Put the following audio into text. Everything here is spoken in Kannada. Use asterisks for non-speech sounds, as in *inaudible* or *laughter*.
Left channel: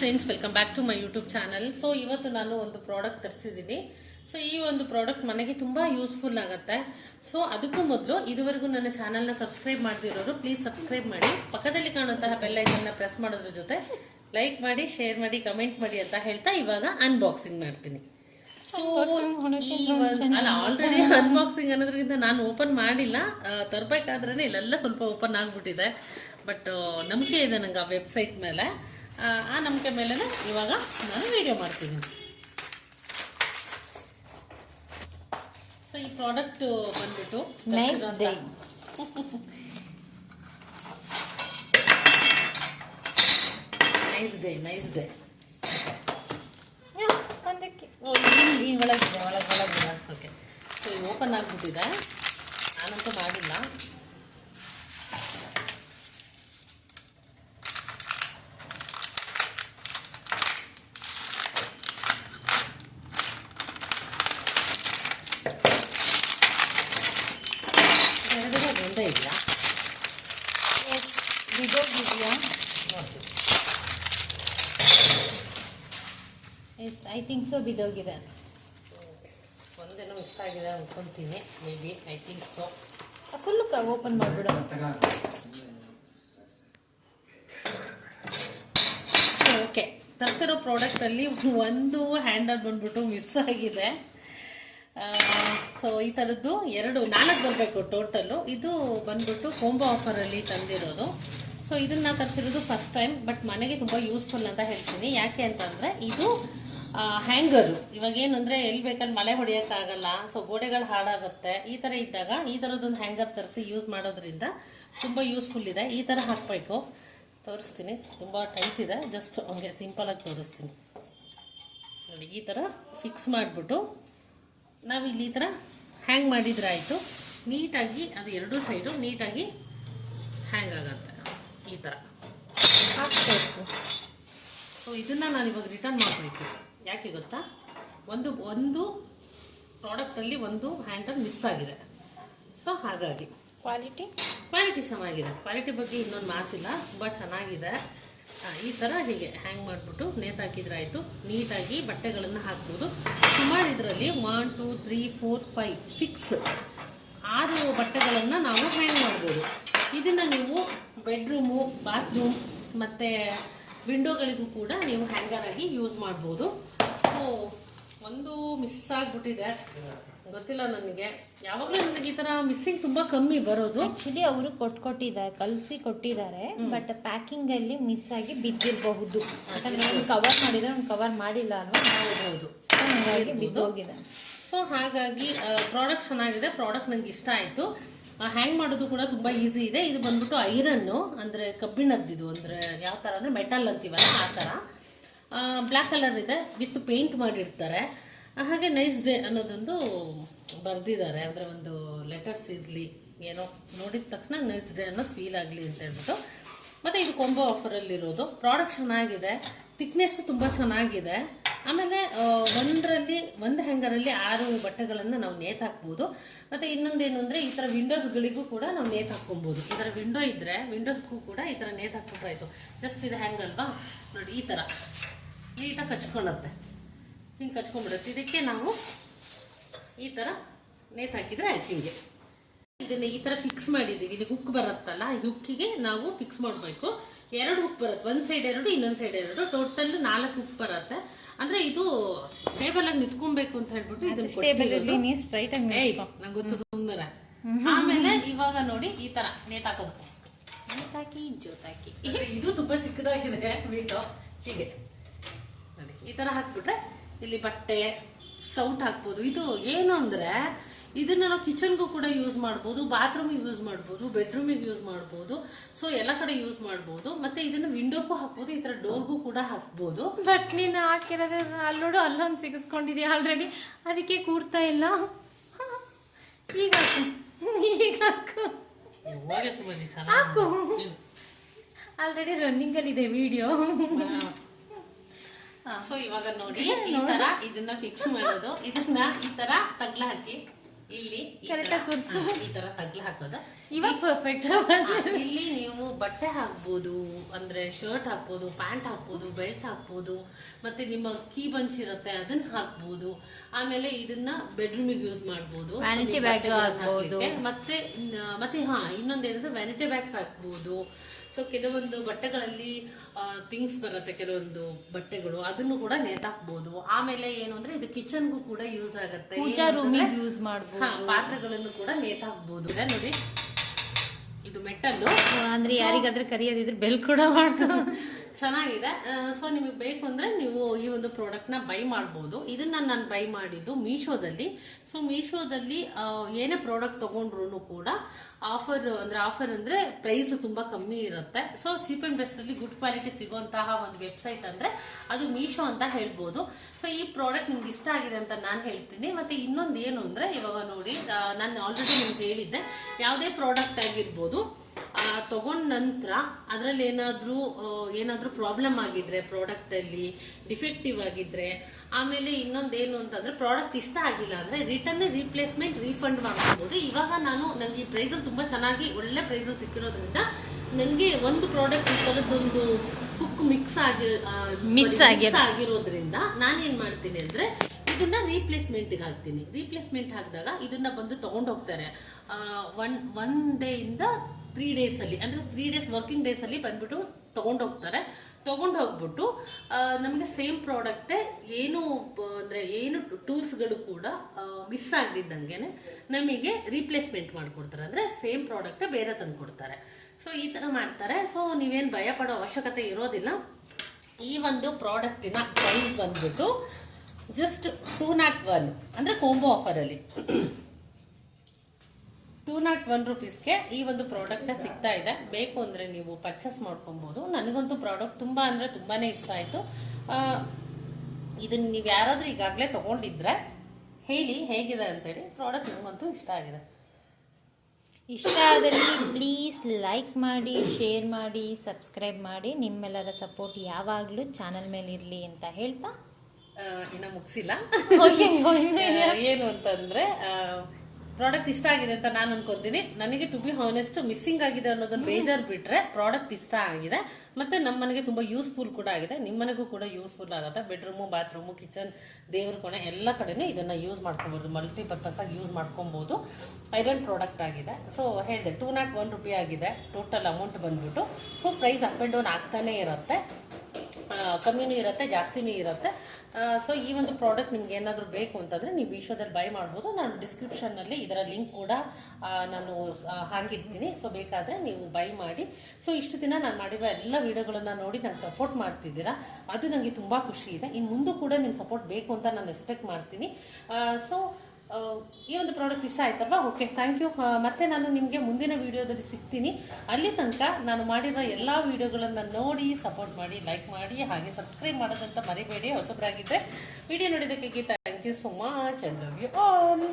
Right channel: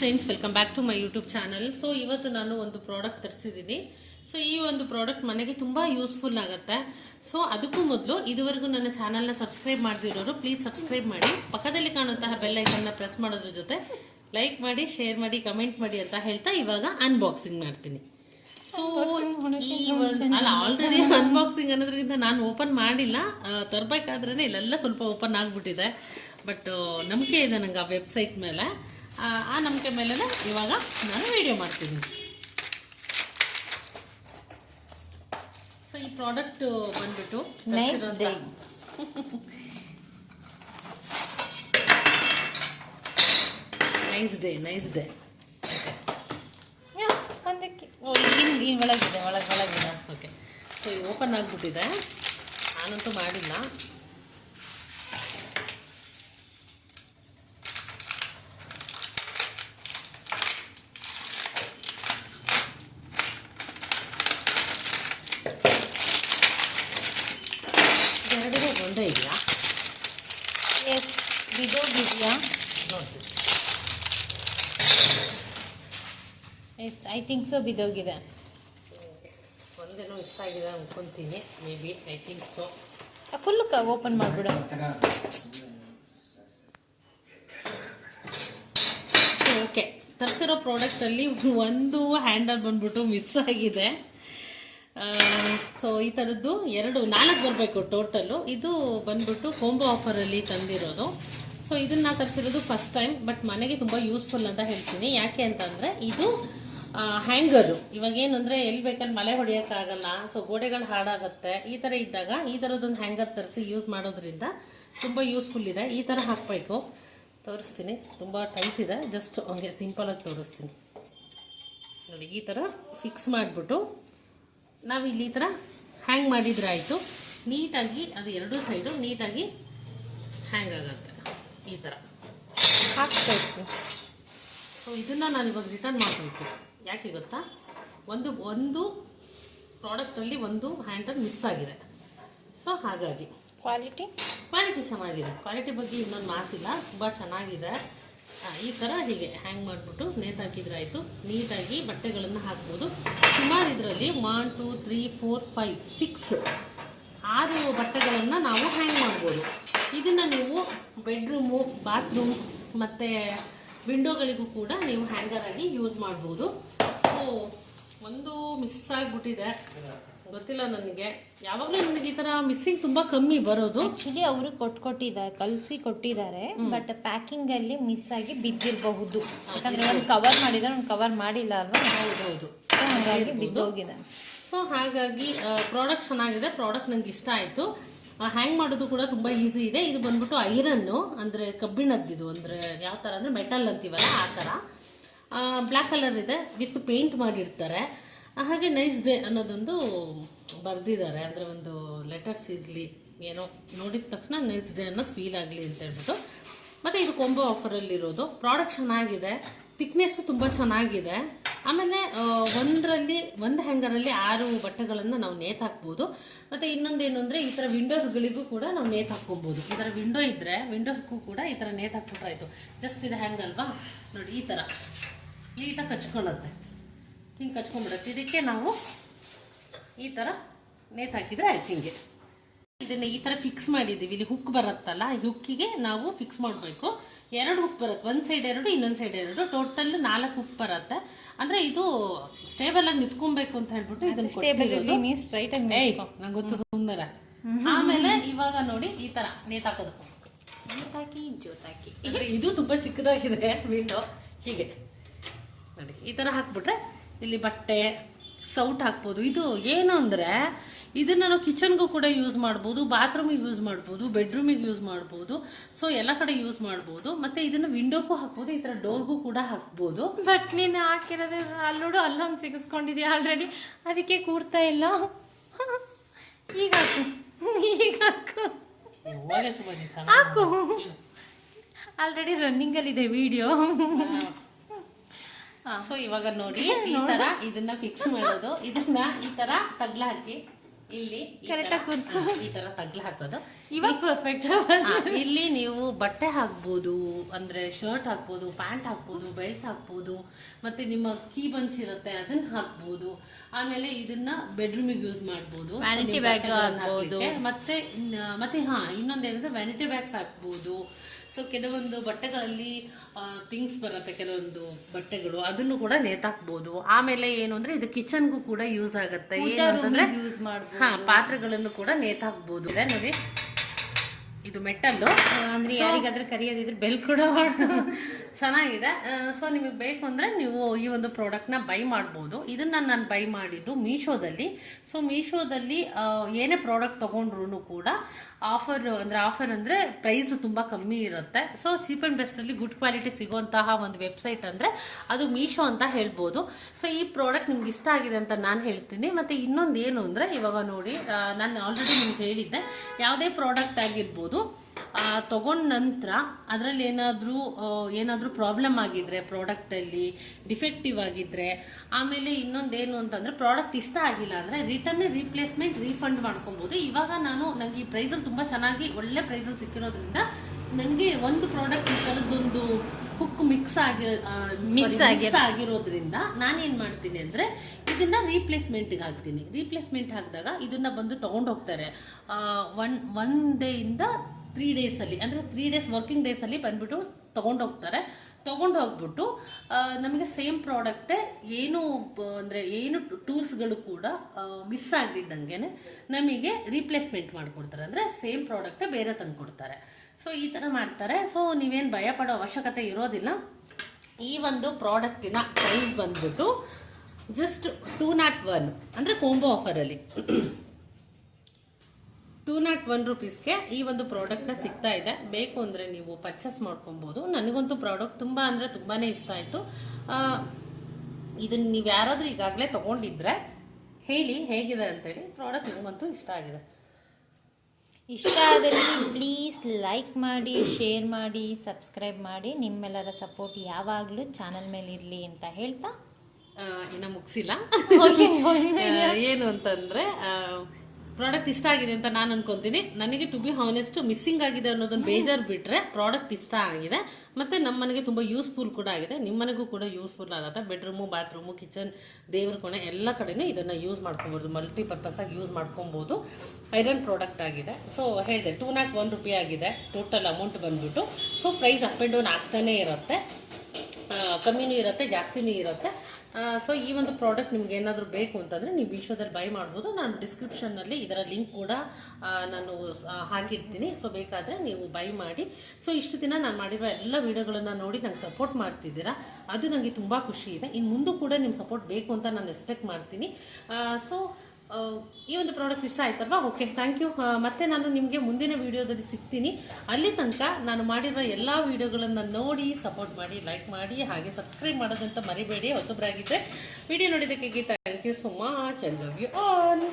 Friends welcome back to my YouTube channel so ಇವತ್ತು ನಾನು ಒಂದು ಪ್ರಾಡಕ್ಟ್ ತರಿಸಿದ್ದೀನಿ. ಸೊ ಈ ಒಂದು ಪ್ರಾಡಕ್ಟ್ ಮನೆಗೆ ತುಂಬಾ ಯೂಸ್ಫುಲ್ ಆಗುತ್ತೆ. ಸೊ ಅದಕ್ಕೂ ಮೊದಲು ಇದುವರೆಗೂ ನನ್ನ ಚಾನಲ್ನ ಸಬ್ಸ್ಕ್ರೈಬ್ ಮಾಡದಿರೋರು ಪ್ಲೀಸ್ ಸಬ್ಸ್ಕ್ರೈಬ್ ಮಾಡಿ. ಪಕ್ಕದಲ್ಲಿ ಕಾಣುವಂತಹ ಬೆಲ್ ಐಕನ್ನ ಪ್ರೆಸ್ ಮಾಡೋದ್ರ ಜೊತೆ ಲೈಕ್ ಮಾಡಿ ಶೇರ್ ಮಾಡಿ ಕಮೆಂಟ್ ಮಾಡಿ ಅಂತ ಹೇಳ್ತಾ ಇವಾಗ ಅನ್ಬಾಕ್ಸಿಂಗ್ ಮಾಡ್ತೀನಿ. ಸೊ ಅಲ್ಲ ಆಲ್ರೆಡಿ ಅನ್ಬಾಕ್ಸಿಂಗ್ ಅನ್ನೋದ್ರಿಂದ ನಾನು ಓಪನ್ ಮಾಡಿಲ್ಲ. ತರ್ಬೇಕಾದ್ರೆ ಇಲ್ಲೆಲ್ಲ ಸ್ವಲ್ಪ ಓಪನ್ ಆಗ್ಬಿಟ್ಟಿದೆ. ಬಟ್ ನಂಬಿಕೆ ಇದೆ ನಂಗೆ ಆ ವೆಬ್ಸೈಟ್ ಮೇಲೆ. ಆ, ಆ ನಂಬಿಕೆ ಮೇಲೆ ಇವಾಗ ನಾನು ವೀಡಿಯೋ ಮಾಡ್ತಿದ್ದೀನಿ ಸೊ ಈ ಪ್ರಾಡಕ್ಟ್ ಬಂದ್ಬಿಟ್ಟು nice day nice day nice day ಒಂದಕ್ಕೆ. ಓ ಇಲ್ಲಿ ಈ ಒಳಗಿದೆ ಒಳಗೆ ಒಳಗಿದೆ. ಓಕೆ ಸೊ ಓಪನ್ ಆಗಿಬಿಟ್ಟಿದೆ. ನಾನಂತೂ ಮಾಡಿಲ್ಲ. ಎಸ್ ಐ ಥಿಂಕ್ ಸೊ ಬಿದೋಗಿದೆ ಒಂದೇನೋ ಮಿಸ್ ಆಗಿದೆ ಅನ್ಕೊಂತೀನಿ maybe I think so full open ಮಾಡಿಬಿಡು. Okay ತರಿಸಿರೋ ಪ್ರಾಡಕ್ಟಲ್ಲಿ ಒಂದು ಹ್ಯಾಂಡಲ್ ಬಂದ್ಬಿಟ್ಟು ಮಿಸ್ ಆಗಿದೆ. ಸೊ ಈ ಥರದ್ದು ಎರಡು ನಾಲ್ಕು ಬರಬೇಕು ಟೋಟಲು ಇದು ಬಂದ್ಬಿಟ್ಟು ಕೋಂಬೋ ಆಫರಲ್ಲಿ ತಂದಿರೋದು. ಸೊ ಇದನ್ನ ತರಿಸಿರೋದು ಫಸ್ಟ್ ಟೈಮ್ ಬಟ್ ಮನೆಗೆ ತುಂಬ ಯೂಸ್ಫುಲ್ ಅಂತ ಹೇಳ್ತೀನಿ. ಯಾಕೆ ಅಂತಂದರೆ, ಇದು ಹ್ಯಾಂಗರು ಇವಾಗ ಅಂದರೆ, ಎಲ್ಲಿ ಬೇಕಾದ್ರೆ ಮಳೆ ಹೊಡೆಯೋಕ್ಕಾಗಲ್ಲ ಸೊ ಗೋಡೆಗಳು ಹಾಳಾಗುತ್ತೆ. ಈ ಥರ ಇದ್ದಾಗ, ಈ ಥರದೊಂದು ಹ್ಯಾಂಗರ್ ತರಿಸಿ ಯೂಸ್ ಮಾಡೋದ್ರಿಂದ ತುಂಬ ಯೂಸ್ಫುಲ್ ಇದೆ. ಈ ಥರ ಹಾಕಬೇಕು. ತೋರಿಸ್ತೀನಿ. ತುಂಬ ಟೈಟ್ ಇದೆ. ಜಸ್ಟ್ ಹಂಗೆ ಸಿಂಪಲಾಗಿ ತೋರಿಸ್ತೀನಿ. ನೋಡಿ, ಈ ಥರ ಫಿಕ್ಸ್ ಮಾಡಿಬಿಟ್ಟು ನಾವು ಇಲ್ಲಿ ಈ ಥರ ಹ್ಯಾಂಗ್ ಮಾಡಿದ್ರೆ ಆಯಿತು. ನೀಟಾಗಿ, ಅದು ಎರಡೂ ಸೈಡು ನೀಟಾಗಿ ಹ್ಯಾಂಗ್ ಆಗುತ್ತೆ. ಈ ಥರ ಹಾಕ್ಬೇಕು ಸೊ ಇದನ್ನು ನಾನು ಇವಾಗ ರಿಟರ್ನ್ ಮಾಡಬೇಕು ಯಾಕೆ ಗೊತ್ತಾ? ಒಂದು ಒಂದು ಪ್ರಾಡಕ್ಟಲ್ಲಿ ಒಂದು ಹ್ಯಾಂಡಲ್ ಮಿಸ್ ಆಗಿದೆ. ಸೊ ಹಾಗಾಗಿ ಕ್ವಾಲಿಟಿ ಕ್ವಾಲಿಟಿ ಚೆನ್ನಾಗಿದೆ. ಕ್ವಾಲಿಟಿ ಬಗ್ಗೆ ಇನ್ನೊಂದು ಮಾತಿಲ್ಲ ತುಂಬ ಚೆನ್ನಾಗಿದೆ. ಈ ಥರ ಹೀಗೆ ಹ್ಯಾಂಗ್ ಮಾಡಿಬಿಟ್ಟು ನೇತಾಕಿದ್ರೆ ಆಯಿತು. ನೀಟಾಗಿ ಬಟ್ಟೆಗಳನ್ನು ಹಾಕ್ಬೋದು. ಸುಮಾರು ಇದರಲ್ಲಿ one two three four five six ಆರು ಬಟ್ಟೆಗಳನ್ನು ನಾವು ಹ್ಯಾಂಗ್ ಮಾಡ್ಬೋದು. ಇದನ್ನು ನೀವು ಬೆಡ್ರೂಮು ಬಾತ್ರೂಮ್ ಮತ್ತು ವಿಂಡೋಗಳಿಗೂ ಕೂಡ ನೀವು ಹ್ಯಾಂಗರ್ ಆಗಿ ಯೂಸ್ ಮಾಡ್ಬೋದು. ಸೊ ಒಂದು ಮಿಸ್ ಆಗಿಬಿಟ್ಟಿದೆ. ಗೊತ್ತಿಲ್ಲ ನನಗೆ. ಯಾವಾಗಲೂ ನನಗೆ ಈ ಥರ ಮಿಸ್ಸಿಂಗ್ ತುಂಬ ಕಮ್ಮಿ ಬರೋದು. ಆ್ಯಕ್ಚುಲಿ ಅವರು ಕೊಟ್ಕೊಟ್ಟಿದ್ದಾರೆ ಕಲಸಿ ಕೊಟ್ಟಿದ್ದಾರೆ ಬಟ್ ಪ್ಯಾಕಿಂಗಲ್ಲಿ ಮಿಸ್ ಆಗಿ ಬಿದ್ದಿರಬಹುದು. ಯಾಕಂದರೆ ಒಂದು ಕವರ್ ಮಾಡಿದ್ರೆ ಒಂದು ಕವರ್ ಮಾಡಿಲ್ಲ ಅಲ್ವಾ? ಹೌದು So ಹಂಗಾಗಿ ಬಿದ್ದೋಗಿದೆ. ಸೊ ಹಾಗಾಗಿ ಪ್ರಾಡಕ್ಟ್ ಚೆನ್ನಾಗಿದೆ. ಪ್ರಾಡಕ್ಟ್ ನಂಗೆ ಇಷ್ಟ ಆಯಿತು. ಹ್ಯಾಂಗ್ ಮಾಡೋದು ಕೂಡ ತುಂಬ ಈಸಿ ಇದೆ. ಇದು ಬಂದ್ಬಿಟ್ಟು ಐರನ್ನು ಅಂದರೆ ಕಬ್ಬಿಣದ್ದಿದು, ಅಂದರೆ ಯಾವ ಥರ ಅಂದರೆ ಮೆಟಲ್ ಅಂತೀವಲ್ಲ ಆ ಥರ ಬ್ಲ್ಯಾಕ್ ಕಲರ್ ಇದೆ, ವಿತ್ ಪೇಂಟ್ ಮಾಡಿರ್ತಾರೆ. ಹಾಗೆ ನೈಸ್ ಡೇ ಅನ್ನೋದೊಂದು ಬರೆದಿದ್ದಾರೆ. ಅಂದರೆ ಒಂದು ಲೆಟರ್ಸ್ ಇರಲಿ, ಏನೋ ನೋಡಿದ ತಕ್ಷಣ ನೈಸ್ ಡೇ ಅನ್ನೋದು ಫೀಲ್ ಆಗಲಿ ಅಂತ ಹೇಳ್ಬಿಟ್ಟು. ಮತ್ತು ಇದು ಕೊಂಬೋ ಆಫರಲ್ಲಿರೋದು ಪ್ರಾಡಕ್ಟ್ ಚೆನ್ನಾಗಿದೆ ಥಿಕ್ನೆಸ್ಸು ತುಂಬ ಚೆನ್ನಾಗಿದೆ. ಆಮೇಲೆ ಒಂದರಲ್ಲಿ, ಒಂದು ಹ್ಯಾಂಗರಲ್ಲಿ ಆರು ಬಟ್ಟೆಗಳನ್ನು ನಾವು ನೇತು ಹಾಕ್ಬೋದು. ಮತ್ತು ಇನ್ನೊಂದೇನು ಅಂದರೆ ಈ ಥರ ವಿಂಡೋಸ್ಗಳಿಗೂ ಕೂಡ ನಾವು ನೇತು ಹಾಕ್ಕೊಬೋದು. ಈ ಥರ ವಿಂಡೋ ಇದ್ದರೆ ವಿಂಡೋಸ್ಗೂ ಕೂಡ ಈ ಥರ ನೇತು ಹಾಕ್ಬಿಟ್ರಾಯಿತು ಜಸ್ಟ್ ಇದು ಹ್ಯಾಂಗ್ ಅಲ್ವಾ? ನೋಡಿ, ಈ ಥರ ನೀಟಾಗಿ ಕಚ್ಕೊಳ್ಳುತ್ತೆ. ಹಿಂಗೆ ಕಚ್ಕೊಂಡ್ಬಿಡುತ್ತೆ. ಇದಕ್ಕೆ ನಾವು ಈ ಥರ ನೇತು ಹಾಕಿದರೆ ಆಯ್ತು ಹಿಂಗೆ. ಇದನ್ನು ಈ ಥರ ಫಿಕ್ಸ್ ಮಾಡಿದ್ದೀವಿ. ಇಲ್ಲಿ ಹುಕ್ ಬರುತ್ತಲ್ಲ, ಈ ಹುಕ್ಕಿಗೆ ನಾವು ಫಿಕ್ಸ್ ಮಾಡಬೇಕು. ಎರಡು ಹುಕ್ ಬರುತ್ತೆ. ಒಂದು ಸೈಡ್ ಎರಡು, ಇನ್ನೊಂದು ಸೈಡ್ ಎರಡು. ಟೋಟಲ್ ನಾಲ್ಕು ಹುಕ್ ಬರುತ್ತೆ. ಅಂದ್ರೆ ಇದು ಸ್ಟೇಬಲ್ ಆಗಿ ನಿಂತ್ಕೊಬೇಕು ಅಂತ ಹೇಳ್ಬಿಟ್ಟು ಇದನ್ನ ಸ್ಟೇಬಲ್ ಇರಲಿ ನೀ ಸ್ಟ್ರೈಟ್ ಆಗಿ ಏಯ್, ನಂಗ್ ಗೊತ್ತು ಸುಂದರ. ಆಮೇಲೆ ಇವಾಗ ನೋಡಿ ಈ ತರ ನೇತಾಕೋದು ನೇತಾಕಿ ಜೋತಾಕಿ. ಇದು ತುಂಬಾ ಚಿಕ್ಕದಾಗಿದೆ ವಿಂಡೋ ಹೀಗೆ. ನೋಡಿ ಈ ತರ ಹಾಕ್ಬಿಟ್ರೆ ಇಲ್ಲಿ ಬಟ್ಟೆ ಸೌಟ್ ಹಾಕ್ಬೋದು. ಇದು ಏನು ಅಂದ್ರೆ ಇದನ್ನ ನಾವು ಕಿಚನ್ಗೂ ಕೂಡ ಯೂಸ್ ಮಾಡ್ಬೋದು ಬಾತ್ರೂಮಿಗೆ ಯೂಸ್ ಮಾಡ್ಬೋದು ಬೆಡ್ರೂಮಿಗೆ ಯೂಸ್ ಮಾಡ್ಬೋದು. ಸೊ ಎಲ್ಲ ಕಡೆ ಯೂಸ್ ಮಾಡ್ಬೋದು. ಮತ್ತೆ ಇದನ್ನ ವಿಂಡೋಗೂ ಹಾಕ್ಬೋದು ಈ ತರ ಡೋರ್ಗೂ ಕೂಡ ಹಾಕ್ಬೋದು. ಬಟ್ ನೀನು ಹಾಕಿರೋದು ಅಲ್ಲೋಡು ಅಲ್ಲೊಂದು ಸಿಗಿಸ್ಕೊಂಡಿದ್ಯಾ ಆಲ್ರೆಡಿ ಅದಕ್ಕೆ ಕೂರ್ತಾ ಇಲ್ಲ. ಈಗ ಹಾಕು. ಈಗ ಹಾಕು. ಹಾಕು. ಆಲ್ರೆಡಿ ರನ್ನಿಂಗ್ ಅಲ್ಲಿ ಇದೆ ವಿಡಿಯೋ ಸೊ ಇವಾಗ ನೋಡಿ ಈ *laughs* ತರ ಇದನ್ನ ಫಿಕ್ಸ್ ಮಾಡೋದು. ಇದನ್ನ ಈ ತರ ತಗ್ಲ ಹಾಕಿ ಇಲ್ಲಿ ಈ ತರ- ಕೂರ್ಸು. ಈ ತರ ತಗ್ಲ ಹಾಕೋದು. ಇವಾಗ ಪರ್ಫೆಕ್ಟ್ ಹಾ, ಇಲ್ಲಿ ನೀವು ಬಟ್ಟೆ ಹಾಕ್ಬೋದು ಅಂದ್ರೆ ಶರ್ಟ್ ಹಾಕ್ಬೋದು ಪ್ಯಾಂಟ್ ಹಾಕ್ಬೋದು ಬೆಲ್ಟ್ ಹಾಕ್ಬೋದು ಮತ್ತೆ ನಿಮ್ಮ ಕೀ ಬಂಚ್ ಇರುತ್ತೆ ಅದನ್ನ ಹಾಕ್ಬೋದು. ಆಮೇಲೆ ಇದನ್ನ ಬೆಡ್ರೂಮಿಗೆ ಯೂಸ್ ಮಾಡ್ಬೋದು. ವ್ಯಾನಿಟಿ ಬ್ಯಾಗ್ ಹಾಕ್ಬೋದು. ಮತ್ತೆ ಮತ್ತೆ ಹಾ ಇನ್ನೊಂದೇನಂದ್ರೆ ವ್ಯಾನಿಟಿ ಬ್ಯಾಗ್ಸ್ ಹಾಕ್ಬೋದು. ಸೊ ಕೆಲವೊಂದು ಬಟ್ಟೆಗಳಲ್ಲಿ ಥಿಂಗ್ಸ್ ಬರುತ್ತೆ ಕೆಲವೊಂದು ಬಟ್ಟೆಗಳು. ಅದನ್ನು ಕೂಡ ನೇತಾಕ್ಬೋದು. ಆಮೇಲೆ ಏನು ಅಂದ್ರೆ ಇದು ಕಿಚನ್ಗೂ ಕೂಡ ಯೂಸ್ ಆಗುತ್ತೆ. ಯೂಸ್ ಮಾಡಬಹುದು ಪಾತ್ರೆಗಳನ್ನು ಕೂಡ ನೇತಾಕ್ಬೋದು. ನೋಡಿ. ಇದು ಮೆಟ್ಟಲ್ಲು ಅಂದ್ರೆ ಯಾರಿಗಾದ್ರೂ ಕರಿಯೋದಿದ್ರೆ ಬೆಲ್ ಕೂಡ *laughs* ಚೆನ್ನಾಗಿದೆ. ಸೊ ನಿಮಗೆ ಬೇಕು ಅಂದರೆ ನೀವು ಈ ಒಂದು ಪ್ರಾಡಕ್ಟ್ನ ಬೈ ಮಾಡ್ಬೋದು. ಇದನ್ನು ನಾನು ಬೈ ಮಾಡಿದ್ದು ಮೀಶೋದಲ್ಲಿ ಸೊ ಮೀಶೋದಲ್ಲಿ ಏನೇ ಪ್ರಾಡಕ್ಟ್ ತೊಗೊಂಡ್ರು ಕೂಡ ಆಫರ್ ಅಂದರೆ ಆಫರ್ ಅಂದರೆ ಪ್ರೈಸ್ ತುಂಬ ಕಮ್ಮಿ ಇರುತ್ತೆ. ಸೊ ಚೀಪ್ ಆ್ಯಂಡ್ ಬೆಸ್ಟಲ್ಲಿ ಗುಡ್ ಕ್ವಾಲಿಟಿ ಸಿಗುವಂತಹ ಒಂದು ವೆಬ್ಸೈಟ್ ಅಂದರೆ ಅದು ಮೀಶೋ ಅಂತ ಹೇಳ್ಬೋದು. ಸೊ ಈ ಪ್ರಾಡಕ್ಟ್ ನಿಮ್ಗೆ ಇಷ್ಟ ಆಗಿದೆ ಅಂತ ನಾನು ಹೇಳ್ತೀನಿ. ಮತ್ತು ಇನ್ನೊಂದು ಏನು ಅಂದರೆ ಇವಾಗ ನೋಡಿ ನಾನು ಆಲ್ರೆಡಿ ನಿಮ್ಗೆ ಹೇಳಿದ್ದೆ. ಯಾವುದೇ ಪ್ರಾಡಕ್ಟ್ ಆಗಿರ್ಬೋದು ತಗೊಂಡ ನಂತರ ಅದರಲ್ಲಿ ಏನಾದರೂ ಏನಾದರೂ ಪ್ರಾಬ್ಲಮ್ ಆಗಿದ್ರೆ ಪ್ರಾಡಕ್ಟಲ್ಲಿ ಡಿಫೆಕ್ಟಿವ್ ಆಗಿದ್ರೆ ಆಮೇಲೆ ಇನ್ನೊಂದೇನು ಅಂತಂದ್ರೆ ಪ್ರಾಡಕ್ಟ್ ಇಷ್ಟ ಆಗಿಲ್ಲ ಅಂದ್ರೆ ರಿಟರ್ನ್ ರೀಪ್ಲೇಸ್ಮೆಂಟ್ ರೀಫಂಡ್ ಮಾಡ್ಕೊಬೋದು. ಇವಾಗ ನಾನು ನನಗೆ ಈ ಪ್ರೈಸಲ್ಲಿ ತುಂಬಾ ಚೆನ್ನಾಗಿ ಒಳ್ಳೆ ಪ್ರೈಸಲ್ಲಿ ಸಿಕ್ಕಿರೋದ್ರಿಂದ ನನಗೆ ಒಂದು ಪ್ರಾಡಕ್ಟ್ ಈ ಥರದ್ದೊಂದು ಹುಕ್ ಮಿಕ್ಸ್ ಆಗಿ ಮಿಸ್ ಆಗಿರೋದ್ರಿಂದ ನಾನೇನು ಮಾಡ್ತೀನಿ ಅಂದ್ರೆ ಇದನ್ನ ರೀಪ್ಲೇಸ್ಮೆಂಟ್ ಹಾಕ್ತೀನಿ. ರೀಪ್ಲೇಸ್ಮೆಂಟ್ ಹಾಕಿದಾಗ ಇದನ್ನ ಬಂದು ತಗೊಂಡ್ ಹೋಗ್ತಾರೆ. ಒನ್ ಒನ್ ಡೇ ಇಂದ ತ್ರೀ ಡೇಸ್ ಅಲ್ಲಿ, ಅಂದ್ರೆ ತ್ರೀ ಡೇಸ್ ವರ್ಕಿಂಗ್ ಡೇಸ್ ಅಲ್ಲಿ ಬಂದ್ಬಿಟ್ಟು ತೊಗೊಂಡೋಗ್ತಾರೆ ಹೋಗ್ತಾರೆ. ತಗೊಂಡ್ ಹೋಗ್ಬಿಟ್ಟು ನಮಗೆ ಸೇಮ್ ಪ್ರಾಡಕ್ಟೇ ಏನು ಅಂದರೆ ಏನು ಟೂಲ್ಸ್ಗಳು ಕೂಡ ಮಿಸ್ ಆಗದಿದ್ದಂಗೆ ನಮಗೆ ರೀಪ್ಲೇಸ್ಮೆಂಟ್ ಮಾಡ್ಕೊಡ್ತಾರೆ. ಅಂದ್ರೆ ಸೇಮ್ ಪ್ರಾಡಕ್ಟೇ ಬೇರೆ ತಂದು ಕೊಡ್ತಾರೆ. ಸೊ ಈ ತರ ಮಾಡ್ತಾರೆ. ಸೊ ನೀವೇನು ಭಯ ಪಡೋ ಅವಶ್ಯಕತೆ ಇರೋದಿಲ್ಲ. ಈ ಒಂದು ಪ್ರಾಡಕ್ಟಿನ ಪ್ರೈಸ್ ಬಂದ್ಬಿಟ್ಟು ಜಸ್ಟ್ ಟೂ ನಾಟ್ ಒನ್ ಅಂದ್ರೆ ಕೋಂಬೋ ಆಫರ್ ಅಲ್ಲಿ. ಟೂ ನಾಟ್ ಒನ್ ರುಪೀಸ್ಗೆ ಈ ಒಂದು ಪ್ರಾಡಕ್ಟ್ನ ಸಿಗ್ತಾ ಇದೆ. ಬೇಕು ಅಂದ್ರೆ ನೀವು ಪರ್ಚೇಸ್ ಮಾಡ್ಕೊಬಹುದು ನನಗಂತೂ ಪ್ರಾಡಕ್ಟ್ ತುಂಬಾ ಅಂದ್ರೆ ತುಂಬಾನೇ ಇಷ್ಟ ಆಯ್ತು. ಇದನ್ನ ನೀವು ಯಾರಾದರೂ ಈಗಾಗಲೇ ತಗೊಂಡಿದ್ರೆ ಹೇಳಿ ಹೇಗಿದೆ ಅಂತೇಳಿ ಪ್ರಾಡಕ್ಟ್ ನನಗಂತೂ ಇಷ್ಟ ಆಗಿದೆ. ಇಷ್ಟ ಆದಲ್ಲಿ ಪ್ಲೀಸ್ ಲೈಕ್ ಮಾಡಿ ಶೇರ್ ಮಾಡಿ ಸಬ್ಸ್ಕ್ರೈಬ್ ಮಾಡಿ. ನಿಮ್ಮೆಲ್ಲರ ಸಪೋರ್ಟ್ ಯಾವಾಗಲೂ ಚಾನಲ್ ಮೇಲೆ ಇರಲಿ ಅಂತ ಹೇಳ್ತಾ. ಇನ್ನು ಮುಗಿಸಿಲ್ಲ. ಏನು ಅಂತಂದ್ರೆ ಪ್ರಾಡಕ್ಟ್ ಇಷ್ಟ ಆಗಿದೆ ಅಂತ ನಾನು ಅನ್ಕೊಂತೀನಿ. ನನಗೆ ಟು ಬಿ ಹಾನೆಸ್ಟ್ ಮಿಸ್ಸಿಂಗ್ ಆಗಿದೆ ಅನ್ನೋದನ್ನ ಬೇಜಾರು ಬಿಟ್ರೆ ಪ್ರಾಡಕ್ಟ್ ಇಷ್ಟ ಆಗಿದೆ. ಮತ್ತೆ ನಮ್ಮ ಮನೆಗೆ ತುಂಬಾ ಯೂಸ್ಫುಲ್ ಕೂಡ ಆಗಿದೆ. ನಿಮ್ಮ ಮನೆಗೂ ಕೂಡ ಯೂಸ್ಫುಲ್ ಆಗುತ್ತೆ. ಬೆಡ್ರೂಮು ಬಾತ್ರೂಮು ಕಿಚನ್ ದೇವ್ರ ಕೋಣೆ ಎಲ್ಲ ಕಡೆನೂ ಇದನ್ನ ಯೂಸ್ ಮಾಡ್ಕೊಬೋದು. ಮಲ್ಟಿ ಪರ್ಪಸ್ ಆಗಿ ಯೂಸ್ ಮಾಡ್ಕೊಬಹುದು ಐರನ್ ಪ್ರಾಡಕ್ಟ್ ಆಗಿದೆ. ಸೊ ಹೇಳಿದೆ ಟೂ ನಾಟ್ ಒನ್ ರುಪಿ ಆಗಿದೆ. ಟೋಟಲ್ ಅಮೌಂಟ್ ಬಂದ್ಬಿಟ್ಟು. So price up and down ಆಗ್ತಾನೆ ಇರುತ್ತೆ. ಕಮ್ಮಿನೂ ಇರುತ್ತೆ ಜಾಸ್ತಿನೂ ಇರುತ್ತೆ. ಸೊ ಈ ಒಂದು ಪ್ರಾಡಕ್ಟ್ ನಿಮ್ಗೆ ಏನಾದರೂ ಬೇಕು ಅಂತಂದ್ರೆ ನೀವು ಮೀಶೋದಲ್ಲಿ ಬೈ ಮಾಡ್ಬೋದು. ನಾನು ಡಿಸ್ಕ್ರಿಪ್ಷನ್ನಲ್ಲಿ ಇದರ ಲಿಂಕ್ ಕೂಡ ನಾನು ಹಾಕಿರ್ತೀನಿ. ಸೊ ಬೇಕಾದರೆ ನೀವು ಬೈ ಮಾಡಿ. ಸೊ ಇಷ್ಟು ದಿನ ನಾನು ಮಾಡಿರೋ ಎಲ್ಲ ವಿಡಿಯೋಗಳನ್ನ ನೋಡಿ ನಂಗೆ ಸಪೋರ್ಟ್ ಮಾಡ್ತಿದ್ದೀರಾ? ಅದು ನನಗೆ ತುಂಬ ಖುಷಿ ಇದೆ. ಇನ್ನು ಮುಂದೂ ಕೂಡ ನಿಮ್ಮ ಸಪೋರ್ಟ್ ಬೇಕು ಅಂತ ನಾನು ಎಕ್ಸ್ಪೆಕ್ಟ್ ಮಾಡ್ತೀನಿ. ಸೊ ಈ ಒಂದು ಪ್ರಾಡಕ್ಟ್ ಇಷ್ಟ ಆಯ್ತಲ್ವಾ? ಓಕೆ ಥ್ಯಾಂಕ್ ಯು ಮತ್ತೆ ನಾನು ನಿಮಗೆ ಮುಂದಿನ ವಿಡಿಯೋದಲ್ಲಿ ಸಿಗ್ತೀನಿ. ಅಲ್ಲಿ ತನಕ ನಾನು ಮಾಡಿರುವ ಎಲ್ಲ ವಿಡಿಯೋಗಳನ್ನು ನೋಡಿ ಸಪೋರ್ಟ್ ಮಾಡಿ ಲೈಕ್ ಮಾಡಿ, ಹಾಗೆ ಸಬ್ಸ್ಕ್ರೈಬ್ ಮಾಡೋದಂತ ಮರಿಬೇಡಿ. ಹೊಸಬ್ರಾಗಿದ್ದರೆ ವಿಡಿಯೋ ನೋಡಿದ್ದಕ್ಕೆ thank you so much I love you all